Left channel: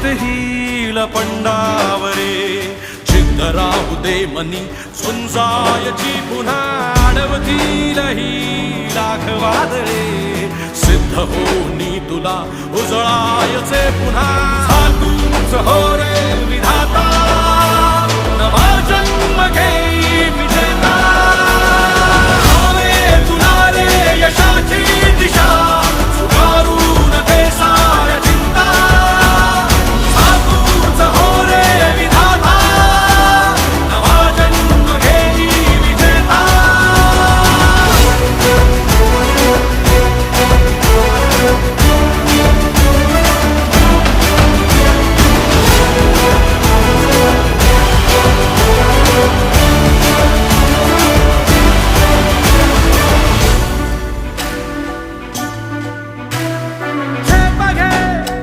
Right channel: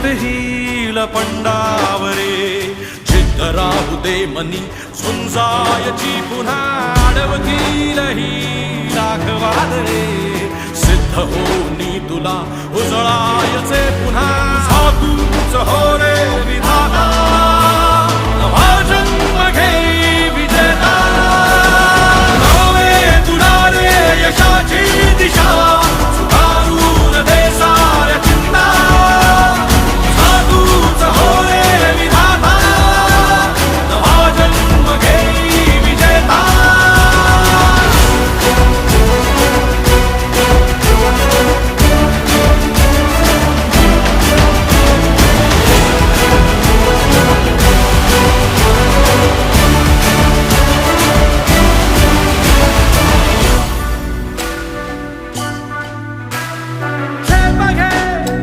जित हिल पंडावरे जिद्द राहू दे मनी झुंजायची पुन्हा अडवतील ही लाख वादळे सिद्ध होनी तुला उजळायचे पुन्हा हो